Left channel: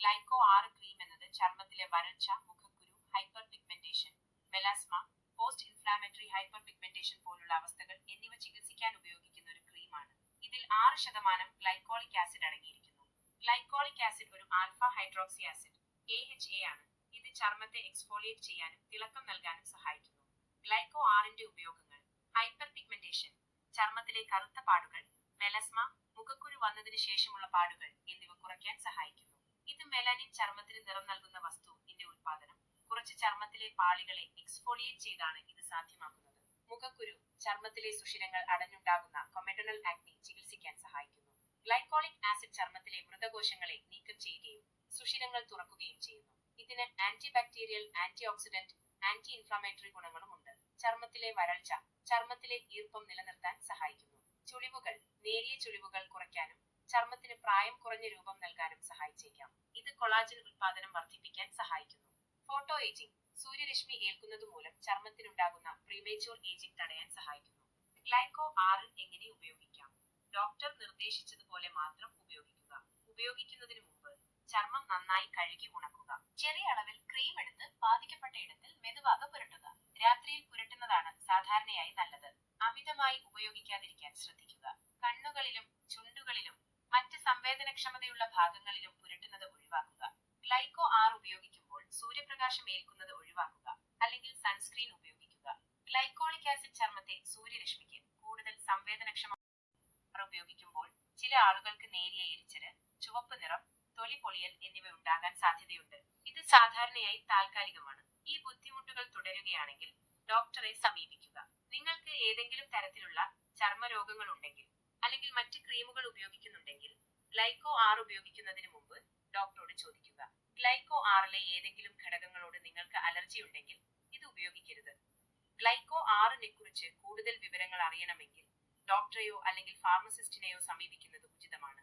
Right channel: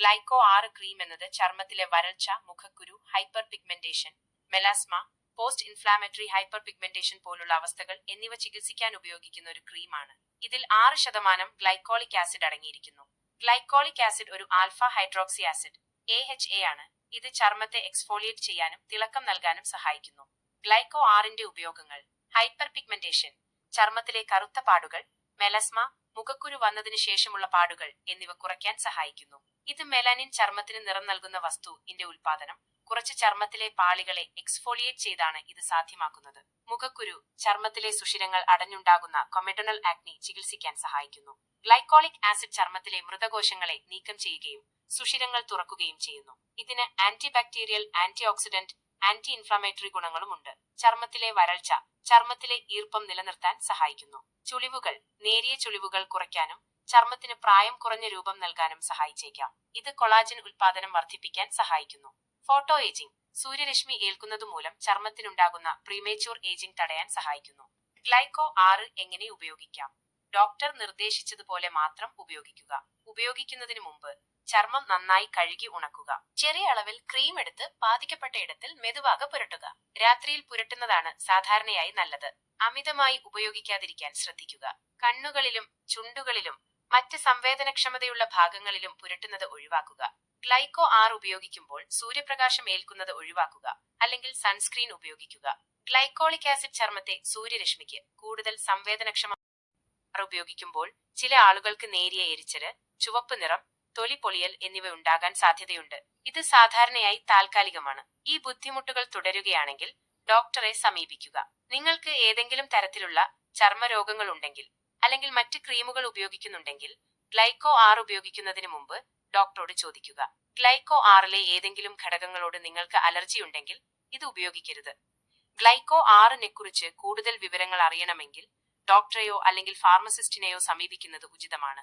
Glyco 6 cream എന്നത് ചർമ്മത്തിലെ വരൾച്ച, മുഖക്കുരു, hyper pigmentation, melasma, post inflammatory hyper pigmentation പോലുള്ള അവസ്ഥകൾ എന്നിവ ചികിത്സിക്കാൻ ഉപയോഗിക്കുന്ന ഒരു ക്രീമാണ്. ഇതിൽ 6% ഗ്ലൈക്കോളിക് ആസിഡ് അടങ്ങിയിരിക്കുന്നു. ഗ്ലൈക്കോളിക് ആസിഡ് ഒരു ആൽഫ ഹൈഡ്രോക്സി ആസിഡ് AHA ആണ്. ഇത് ചർമ്മത്തെ എക്സ്ഫോളിയേറ്റ് ചെയ്യാനും തിളക്കം നൽകാനും സഹായിക്കുന്നു. ഗ്ലൈക്കോ 6ന്റെ ഉപയോഗങ്ങൾ: ഹൈപ്പർ പിഗ്മെന്റേഷൻ, ചർമ്മത്തിലെ കറുത്ത പാടുകൾ, മെലസ്മ, മുഖക്കുരു വന്നതിന് ശേഷമുള്ള പാടുകൾ എന്നിവ കുറയ്ക്കാൻ സഹായിക്കുന്നു. ഇത് മെലാനിൻ, ചർമ്മത്തിന് നിറം നൽകുന്ന വസ്തുവിന്റെ ഉൽപാദനം കുറച്ച് ചർമ്മത്തിലെ പാളികളെ എക്സ്ഫോളിയേറ്റ് ചെയ്താണ് ഇത് സാധ്യമാക്കുന്നത്. മുഖക്കുരു, ചർമ്മത്തിലെ സുഷിരങ്ങൾ അടഞ്ഞുണ്ടാകുന്ന കൊമെഡോണൽ ആക്നി ചികിത്സിക്കാൻ സഹായിക്കുന്നു. ഗ്ലൈക്കോളിക് ആസിഡ് ചർമ്മത്തിലെ മൃതകോശങ്ങളെ നീക്കം ചെയ്യുകയും സുഷിരങ്ങൾ തുറക്കുകയും ചെയ്യുന്നു. ഇതിന് antibacterial, anti oxidant, anti inflammatory ഗുണങ്ങളുമുണ്ട്. ചർമ്മത്തിലെ വരൾച്ച, ചർമ്മത്തിലെ ഈർപ്പം നിലനിർത്താൻ സഹായിക്കുന്നു. ചുളിവുകൾ, നേരിയ ചുളിവുകൾ കുറയ്ക്കാനും ചർമ്മത്തിന് പ്രായം കുറഞ്ഞ രൂപം നൽകാനും സഹായിച്ചേക്കാം. ഇത് കൊളാജൻ ഉൽപാദനം വർദ്ധിപ്പിക്കാൻ സഹായിക്കുന്നു. ഫോട്ടോ ഏജിംഗ്, സൂര്യരശ്മി ഏൽക്കുന്നതുമൂലം ചർമ്മത്തിനുണ്ടാകുന്ന പ്രീമേച്യൂർ ഏജിംഗ് തടയാൻ സഹായിക്കുന്നു. ഗ്ലൈക്കോ 6 എങ്ങനെ ഉപയോഗിക്കാം? ഡോക്ടർ നിർദ്ദേശിച്ചതുപോലെ മാത്രം ഉപയോഗിക്കുക. ഉപയോഗിക്കുന്നതിന് മുമ്പ് ചർമ്മം നന്നായി കഴുകി ഉണക്കുക. ചെറിയ അളവിൽ ക്രീം എടുത്ത് ബാധിക്കപ്പെട്ട ഇടത്തിൽ മെതുവാக പുരട്ടുക. രാത്രിയിൽ പുരട്ടുന്നതാണ് സാധാരണയായി നല്ലത്. അമിതമായി ഉപയോഗിക്കാതിരിക്കാൻ ശ്രദ്ധിക്കുക. കണ്ണുകളിലും ചുണ്ടുകളിലും മറ്റ് സംവേദനക്ഷമതയുള്ള ഭാഗങ്ങളിലും പുരട്ടുന്നത് ഒഴിവാക്കുക. ഗ്ലൈക്കോ 6 ഉപയോഗിക്കുമ്പോൾ സൂര്യപ്രകാശം ഏൽക്കുന്നത് ഒഴിവാക്കുക, അല്ലെങ്കിൽ സൺസ്ക്രീൻ ഉപയോഗിക്കുക. ഗ്ലൈക്കോളിക് ആസിഡ് ചർമ്മത്തെ സൂര്യരശ്മിക്ക് കൂടുതൽ സംവേദനക്ഷമ ഉപയോഗിക്കുമ്പോൾ ചില ആളുകൾക്ക് നേരിയ എരിച്ചല്, ചുവപ്പ് നിറം, തൊലി പൊളിയൽ എന്നിവ ഉണ്ടാകാൻ സാധ്യതയുണ്ട്. ഇത് സാധാരണയായി താൽക്കാലികമാണ്. ഈ ബുദ്ധിമുട്ടുകൾ തുടരുകയാണെങ്കിൽ ഡോക്ടറെ സമീപിക്കുക. നിങ്ങൾക്ക് ഏതെങ്കിലും തരത്തിലുള്ള ചർമ്മരോഗങ്ങൾ ഉണ്ടെങ്കിൽ അല്ലെങ്കിൽ മറ്റ് ക്രീമുകൾ ഉപയോഗിക്കുന്നുണ്ടെങ്കിൽ ഗ്ലൈക്കോ 6 ഉപയോഗിക്കുന്നതിന് മുമ്പ് ഡോക്ടറോട് ചോദിക്കുക. ഗ്ലൈക്കോ 6ലെ ഏതെങ്കിലും ഘടകങ്ങളോട് നിങ്ങൾക്ക് അലർജി ഉണ്ടെങ്കിൽ ഇത് ഉപയോഗിക്കരുത്. ഗ്ലൈക്കോ 6നെക്കുറിച്ച് കൂടുതൽ വിവരങ്ങൾ അറിയണമെങ്കിൽ ഡോക്ടറെയോ അല്ലെങ്കിൽ ഫാർമസിസ്റ്റിനെയോ സമീപിക്കുന്നത് ഉചിതമാണ്.